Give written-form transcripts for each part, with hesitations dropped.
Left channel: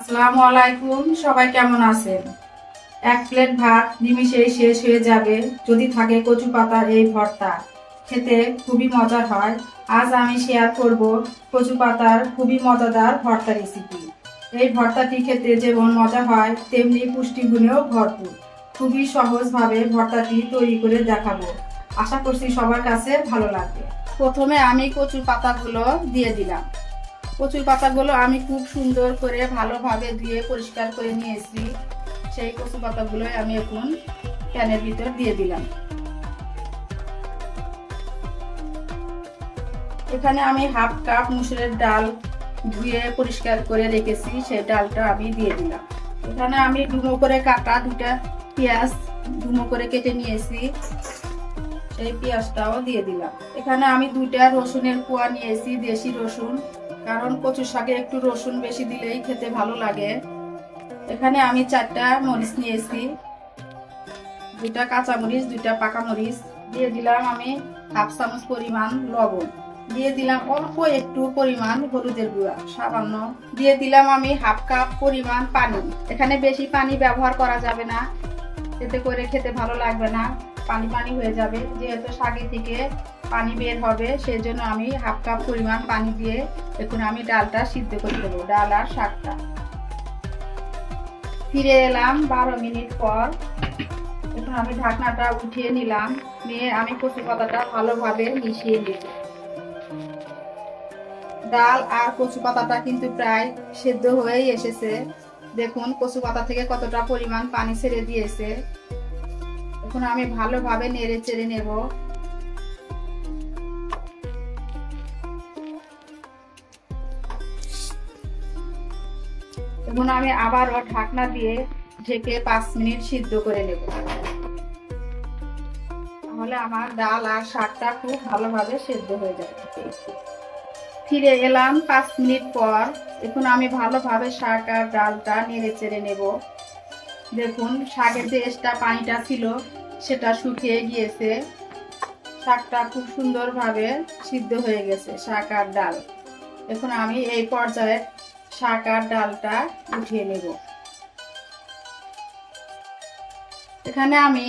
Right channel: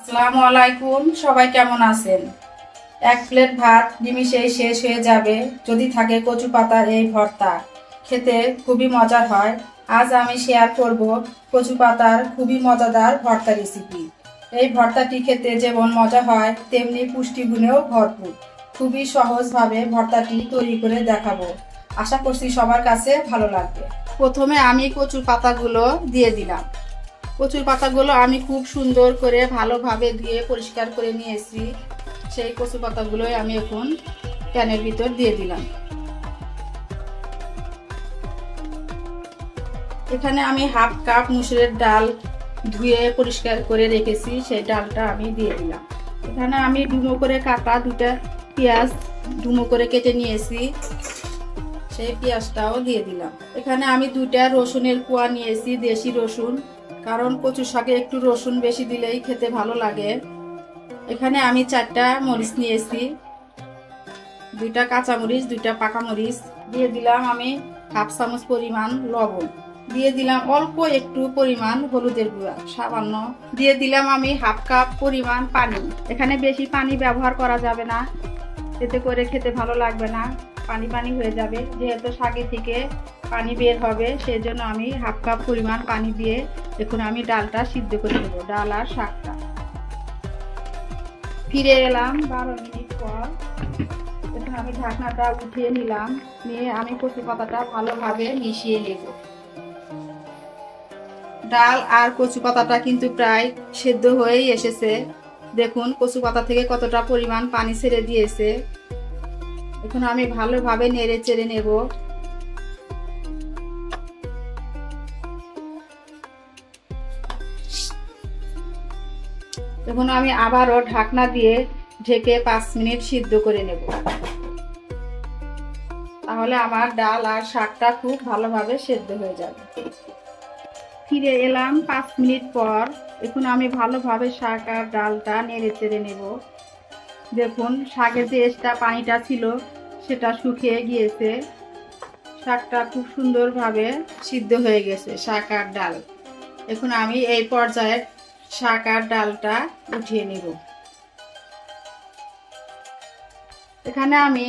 আসসালামু আলাইকুম, সবাই কেমন আছেন? এক প্লেট ভাত নিমিষেই শেষ হয়ে যাবে যদি থাকে কচু পাতার এই ভর্তা। খেতে খুবই মজার হয়। আজ আমি শেয়ার করব কচু পাতার খুবই মজাদার ভর্তা রেসিপি। এই ভর্তাটি খেতে যেমন মজা হয় তেমনি পুষ্টিগুণেও ভরপুর। খুবই সহজভাবে ভর্তাটি তৈরি করে দেখাবো। আশা করছি সবার কাছে ভালো লাগবে। প্রথমে আমি কচু পাতাগুলো দিয়ে দিলাম। কচুর পাতাগুলো আমি খুব সুন্দর করে ভালোভাবে ধুয়ে পরিষ্কার করে নিয়েছি। সেই কচু পাতাগুলোই আমি এখন প্যানের ভিতর দিয়ে দিলাম। এখানে আমি হাফ কাপ মুসুরের ডাল ধুয়ে পরিষ্কার করে রেখেছি, সেই ডালটা আমি দিয়ে দিলাম। এখানে আমি ডুমো করে কাটা দুটা পেঁয়াজ ডুমো করে কেটে নিয়েছি, সেই পেঁয়াজটাও দিয়ে দিলাম। এখানে আমি দুটা রসুনের কোয়া নিয়েছি, দেশি রসুন, কারণ কচু শাকে একটু রসুন বেশি দিলেই খেতে ভালো লাগে। এখানে আমি 4টা মরিচ নিয়েছি, 2টা কাঁচা মরিচ, 2টা পাকা মরিচ। দিয়ে দিলাম আমি হাফ চামচ পরিমাণ লবণ, দিয়ে দিলাম অল্প একটু পরিমাণ হলুদের গুঁড়া সামান্য, দিয়ে দিলাম আমি হাফ কাপ পরিমাণ পানি। এখানে বেশি পানি ব্যবহার করা যাবে না, এতে করে খেতে ভালো লাগবে না, পানি পানি হয়ে যাবে। যেহেতু শাকে থেকে পানি বের হবে সেই জন্য আমি হাফ কাপ পরিমাণ পানি দিয়ে এখন আমি ডালটা সিদ্ধ করে দেবো, ডাল আর শাকটা। ফিরে এলাম 12 মিনিট পর। এখন আমি ঢাকনাটা উঠিয়ে নিলাম, নিয়ে আমি কচু পাতাটা ভালোভাবে মিশিয়ে নেব। ডাল আর কচু পাতাটা কিন্তু প্রায় সেদ্ধ হয়েই এসেছে। দেখুন কচু পাতা থেকে কতটা পরিমাণ পানি ছেড়ে দিয়েছে। এখন আমি ভালোভাবে নেড়ে চেড়ে নেব। এখন আমি আবারও ঢাকনা দিয়ে ঢেকে 5 মিনিট সিদ্ধ করে নেব, তাহলে আমার ডাল আর শাকটা খুব ভালোভাবে সেদ্ধ হয়ে যাবে। ফিরে এলাম 5 মিনিট পর। এখন আমি ভালোভাবে শাক আর ডালটা নেড়ে চেড়ে নেব। দেখুন শাকের যে এক্সট্রা পানিটা ছিল সেটা শুকিয়ে গিয়েছে। শাকটা খুব সুন্দরভাবে সিদ্ধ হয়ে গেছে, শাক আর ডাল। এখন আমি এই পর্যায়ে শাক আর ডালটা উঠিয়ে নেব। এখানে আমি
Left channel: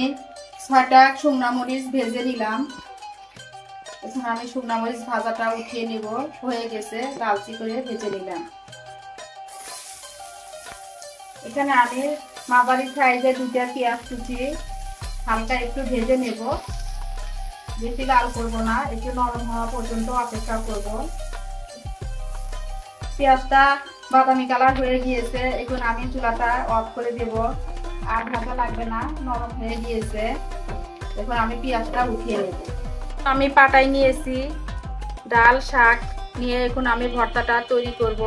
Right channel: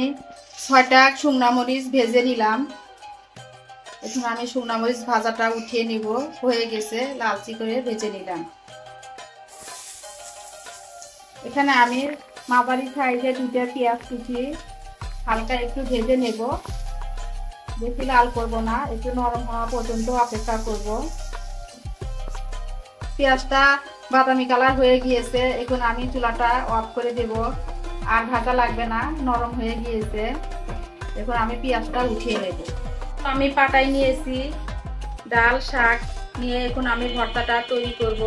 6টা শুকনা মরিচ ভেজে নিলাম। এখন আমি শুকনা মরিচ ভাজাটা উঠিয়ে নিব, হয়ে গেছে, লালচি করে ভেজে নিলাম। এখানে আমি মাঝারি সাইজে 2টা পেঁয়াজ কুচি হালকা একটু ভেজে নেব, বেশি লাল করব না, একটু নরম হওয়া পর্যন্ত অপেক্ষা করব। পেঁয়াজটা বাদামি কালার হয়ে গিয়েছে, এখন আমি চুলাটা অফ করে দেব। আর ভাজা লাগবে না, নরম হয়ে গিয়েছে। এখন আমি পেঁয়াজটা উঠিয়ে নেব। আমি পাটাই নিয়েছি ডাল শাক নিয়ে, এখন আমি ভর্তাটা তৈরি করব।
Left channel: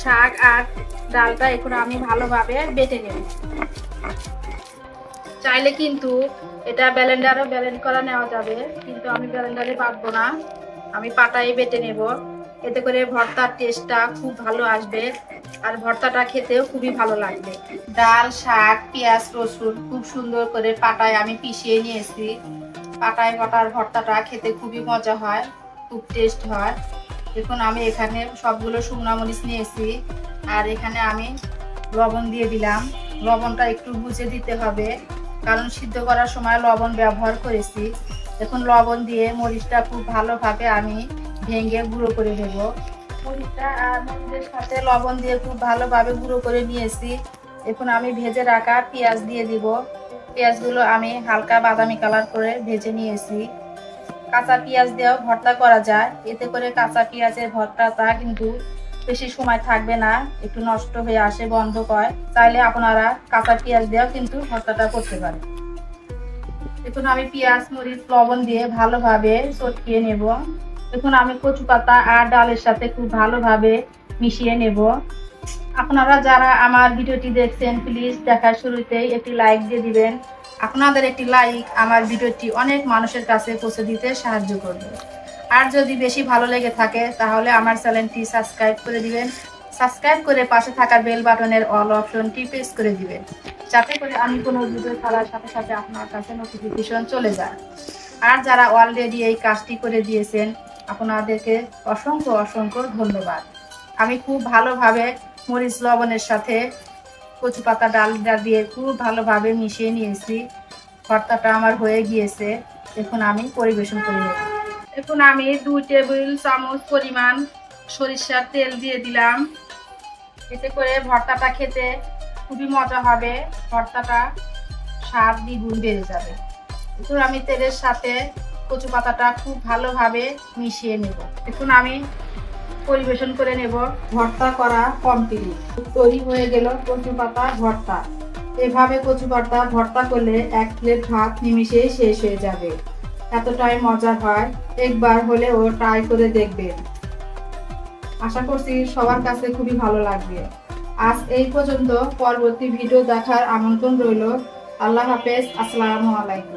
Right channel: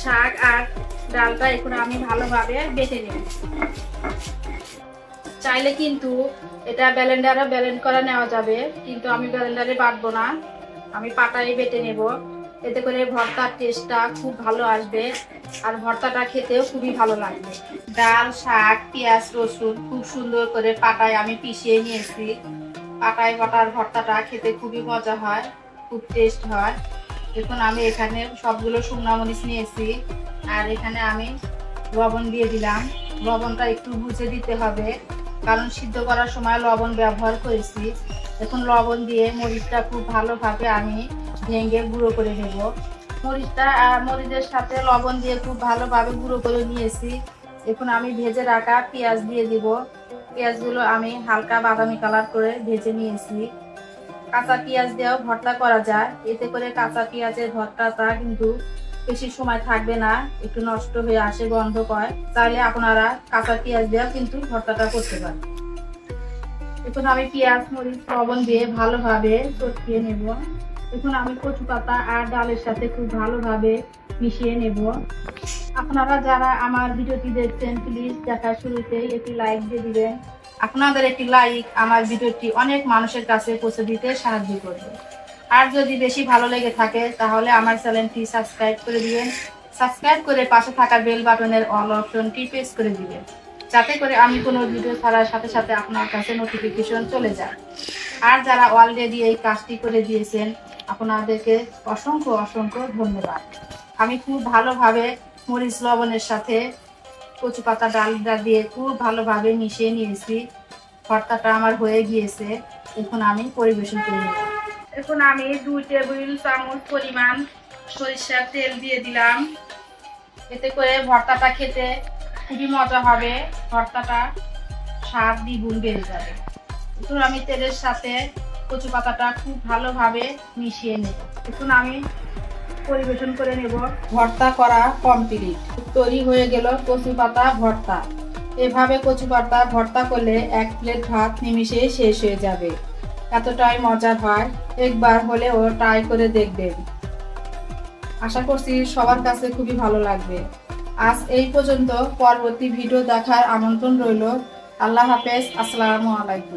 শাক আর ডালটা এখন আমি ভালোভাবে বেটে নেব। চাইলে কিন্তু এটা ব্লেন্ডারে ব্লেন্ড করা নেওয়া যাবে, কিন্তু আমি ব্লেন্ডারে বাটবো না, আমি পাটাই বেটে নেব। এতে করে ভর্তার টেস্টটা খুব ভালো আসবে আর ভর্তাটা খেতেও খুবই ভালো লাগবে। ডাল শাক পেঁয়াজ রসুন খুব সুন্দর করে পাটায় আমি পিষিয়ে নিয়েছি। পাটায় বাটার ভর্তাটা খেতে খুবই মজা হয়, খুব টেস্ট হয়। এখন আমি এখানে সবগুলো শুকনো মরিচ নিয়েছি, আর এখানে আমি লবণ দিয়ে দিলাম। লবণটা একটু বুঝে দিতে হবে, কারণ সিদ্ধ করার সময় লবণ ব্যবহার করেছি। এখন লবণ দিয়ে মরিচটা খুব ভালোভাবে আমি ভেঙে গুঁড়ো করে নেব। মরিচটা মরিচের সাথে লবণ দিয়ে খুব ভালোভাবে গুঁড়ো করে নিয়েছি। এখন আমি ভেজে রাখা পেঁয়াজ দিয়ে দিব। পেঁয়াজগুলো আমি হালকা বাদামি কালার করে ভেজে নিয়েছি। কাঁচা পেঁয়াজ দিয়েও ভর্তা করা যায়, এতে করে কাঁচা পেঁয়াজের ভর্তাটা কিন্তু বেশি সময় থাকবে না, একটু নষ্ট হয়ে আসে, গন্ধ পায়। চাইলে আপনারা কাঁচা পেঁয়াজ দিয়েও কিন্তু ভর্তাটা করতে পারেন। এখন আমি পেঁয়াজ মরিচ লবণ দিয়ে ভালোভাবে চটকিয়ে নেব। এখন আমি কচু পাতা আর ডালের সাথে খুব ভালোভাবে মিশিয়ে নেব। আপনারা যারা আমার ভিডিওটি দেখছেন প্লিজ দেখার শুরুতেই একটি লাইক দিয়ে দিবেন। আপনাদের একটি লাইক আমার ভিডিওটি অনেক মানুষের কাছে পৌঁছে দিতে সাহায্য করবে। আর যদি বেশি ভালো লেগে থাকে তাহলে আমার চ্যানেলটি সাবস্ক্রাইব করে দিবেন। সাবস্ক্রাইব করে পাশে থাকা বেল বাটনের অল অপশনটি প্রেস করে দিবেন, যাতে করে আমি কোনো ভিডিও ছাড়ার সাথে সাথে আপনার কাছে নোটিফিকেশন চলে যায়। আর যারা অলরেডি এই কাজটি করে দিয়েছেন আপনাদেরকে অসংখ্য অসংখ্য ধন্যবাদ। আমি খুব ভালোভাবে মরিচ লবণের সাথে কচু পাতা ডালটা দিয়ে খুব ভালোভাবে মিশিয়ে নিয়েছি। ভর্তাটা আমার হয়ে গিয়েছে। এখন আমি পরিবেশন করে নেব। এখন আমি 2 টেবিল চামচ পরিমাণ সরিষার তেল দিয়ে দিলাম। এতে করে ভর্তাটা খেতে খুবই মজা হবে, ভর্তাটা স্বাদ দ্বিগুণ বেড়ে যাবে। এখন আমি তেলের সাথে কচু পাতাটা খুব ভালোভাবে মিশিয়ে নেব। এখন আমি পরিবেশন করে নেব। ভর্তা করা কমপ্লিট, তৈরি হয়ে গেল কচু পাতা ভর্তা। এভাবে কচু পাতা ভর্তা করলে 1 প্লেট ভাত নিমিশেই শেষ হয়ে যাবে, এতটাই মজার হয়। একবার হলেও ট্রাই করে দেখবেন। আশা করছি সবার কাছে খুবই ভালো লাগবে। আজ এই পর্যন্ত, পরবর্তী ভিডিও দেখার আমন্ত্রণ রইল। আল্লাহ হাফেজ, আসসালামু আলাইকুম।